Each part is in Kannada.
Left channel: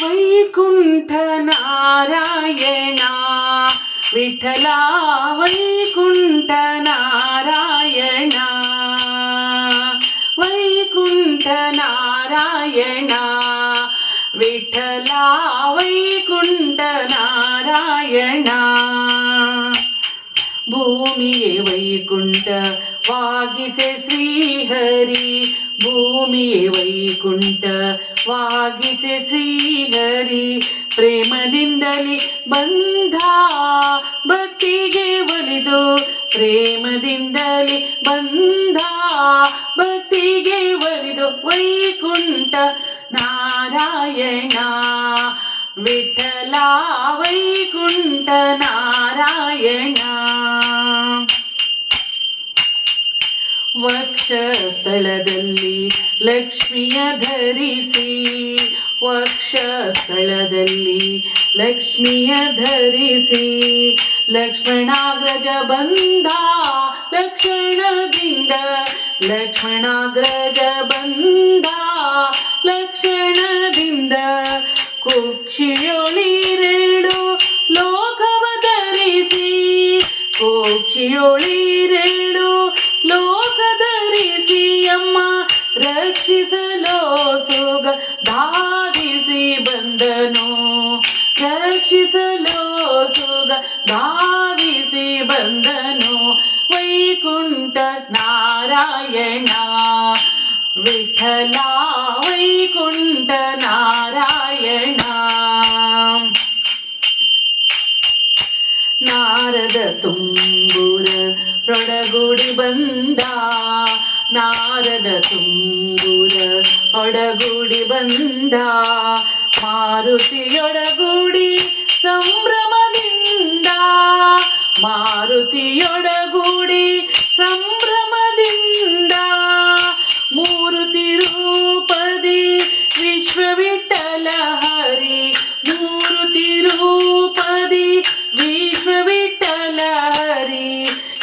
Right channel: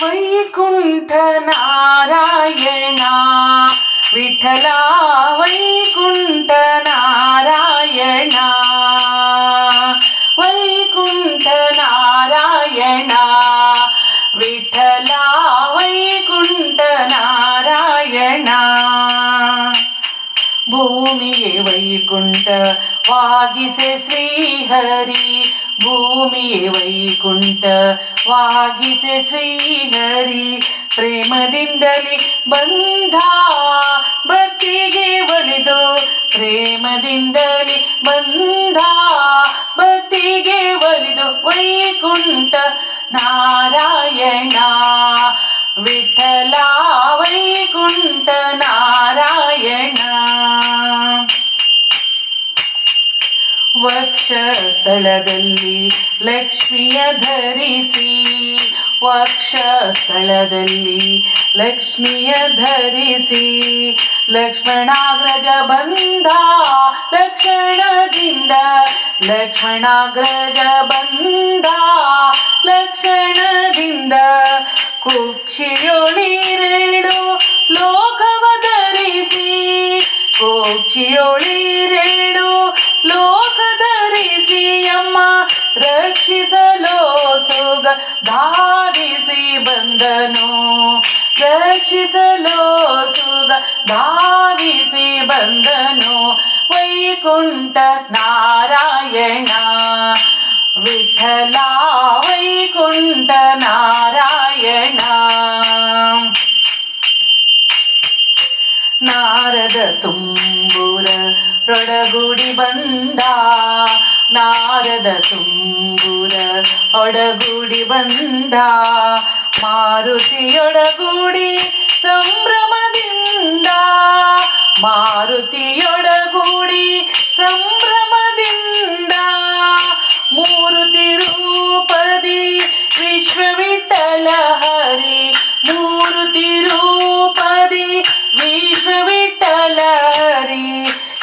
ವೈಕುಂಠ ನಾರಾಯಣ ವಿಠಲ ವೈಕುಂಠ ನಾರಾಯಣ ವೈಕುಂಠ ನಾರಾಯಣ ವಿಠಲ ವೈಕುಂಠ ನಾರಾಯಣ ಭೂಮಿಯೇ ವೈಕುಂಠವಾಗಿಸೆ ಶ್ರೀಹರಿ ಭೂಮಿಯೇ ವೈಕುಂಠವಾಗಿಸೆ ಶ್ರೀಹರಿ ಪ್ರೇಮದಿಂದಲೇ ಬಂದ ಭಕ್ತಿಗೆ ಒಲಿದು ಪ್ರೇಮದಿಂದಲೇ ಬಂದ ಭಕ್ತಿಗೆ ಒಲಿದು ವೈಕುಂಠ ನಾರಾಯಣ ವಿಠಲ ವೈಕುಂಠ ನಾರಾಯಣ ವಕ್ಷಸ್ಥಳದಲ್ಲಿ ಲಕ್ಷ್ಮಿಯ ಧರಿಸಿ ವಕ್ಷಸ್ಥಳದಲ್ಲಿ ಲಕ್ಷ್ಮಿಯ ಧರಿಸಿ ಲಕ್ಷ್ಮಣಾಗ್ರಜ ಬಂದ ಲಕ್ಷಣದಿಂದ ಲಕ್ಷ್ಮಣಾಗ್ರಜ ಬಂದ ಲಕ್ಷಣದಿಂದ ಕುಕ್ಷಿಯೊಳಿರೇಳು ಲೋಕವ ಧರಿಸಿ ಕುಕ್ಷಿಯೊಳಿರೇಳು ಲೋಕ ಧರಿಸಿ ಅಮ್ಮ ರಕ್ಷಿಸಲು ಸುಗ ಧಾವಿಸಿ ಬಂದನು ರಕ್ಷಿಸಲು ಸುಗ ಧಾವಿಸಿ ಬಂದನು ವೈಕುಂಠ ನಾರಾಯಣ ವಿಠಲ ವೈಕುಂಠ ನಾರಾಯಣ ನಾರದ ತುಂಬುರ ರೊಡಗೂಡಿ ಬಂದ ನಾರದ ತುಂಬುರ ಒಡಗೂಡಿ ಬಂದ ಮಾರುತಿಯೊಡಗೂಡಿ ಸಂಭ್ರಮದಿಂದ ಮಾರುತಿಯೊಡಗೂಡಿ ಸಂಭ್ರಮದಿಂದ ಮೂರುತಿ ರೂಪದಿ ವಿಶ್ವವಿಠಲ ಹರಿ ಮೂರುತಿ ರೂಪದಿ ವಿಶ್ವವಿಠಲ ಹರಿ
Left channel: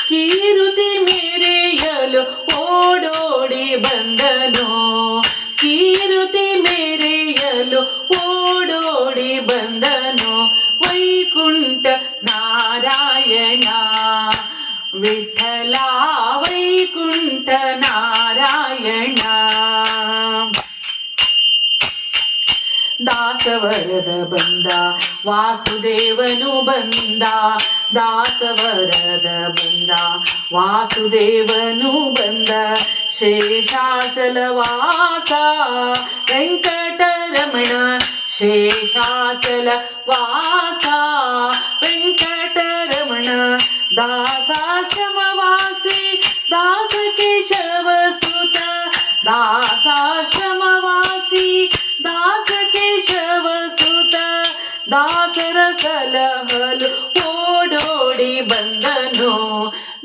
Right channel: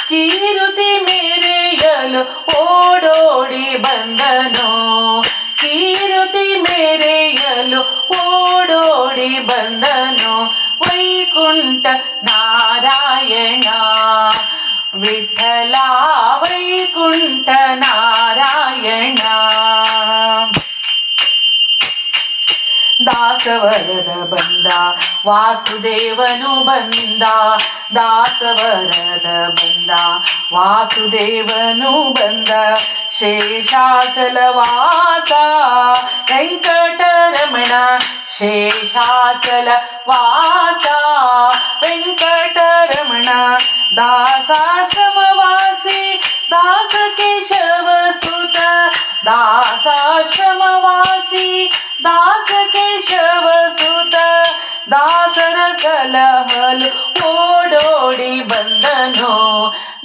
ಕೀರುತಿ ಮೇರೆಯಲು ಓಡೋಡಿ ಬಂದನು ಕೀರುತಿ ಮೇರೆಯಲು ಓಡೋಡಿ ಬಂದನು ವೈಕುಂಠ ನಾರಾಯಣ ವಿಠಲ ವೈಕುಂಠ ನಾರಾಯಣ ದಾಸವರದ ಬಂದ ವಾಸುದೇವನು ಬಂದ ದಾಸವರದ ಬಂದ ವಾಸುದೇವನು ಬಂದ ಶೇಷಾಚಲ ವಾಸ ವೆಂಕಟರಮಣ ಶೇಷಾಚಲ ವಾಸ ವೆಂಕಟರಮಣ ದಾಸಾಶ್ರಮವಾಸಿ ದಾಸ ಕೇಶವ ಸುತ ದಾಸಾಶ್ರಮವಾಸಿ ದಾಸ ಕೇಶವ ಸುತ ದಾಸರ ಸಲಹಲು ಓಡೋಡಿ ಬಂದನು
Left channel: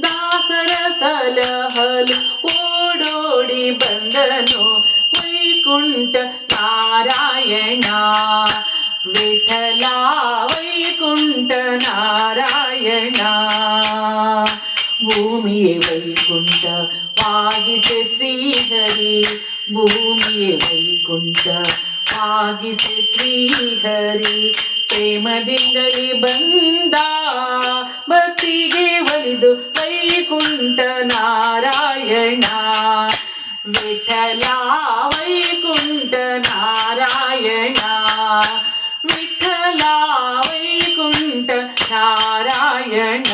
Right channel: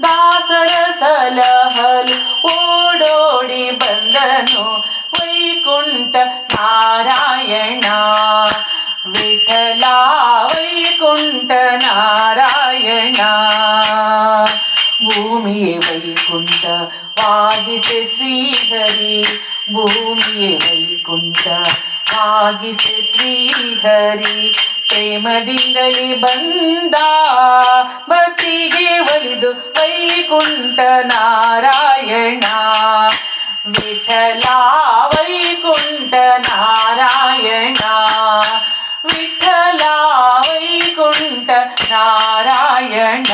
ದಾಸರ ಸಲಹಲು ಓಡೋಡಿ ಬಂದನು ವೈಕುಂಠ ನಾರಾಯಣ ವಿಠಲ ವೈಕುಂಠ ನಾರಾಯಣ ಭೂಮಿಯೇ ವೈಕುಂಠವಾಗಿಸೆ ಶ್ರೀಹರಿ ಭೂಮಿಯೇ ವೈಕುಂಠವಾಗಿಸೆ ಶ್ರೀಹರಿ ಪ್ರೇಮದಿಂದಲೇ ಬಂದ ಭಕ್ತಿಗೆ ಒಲಿದು ವೈಕುಂಠ ನಾರಾಯಣ ವಿಠಲ ವೈಕುಂಠ ನಾರಾಯಣ ವಿಠಲ ವೈಕುಂಠ ನಾರಾಯಣ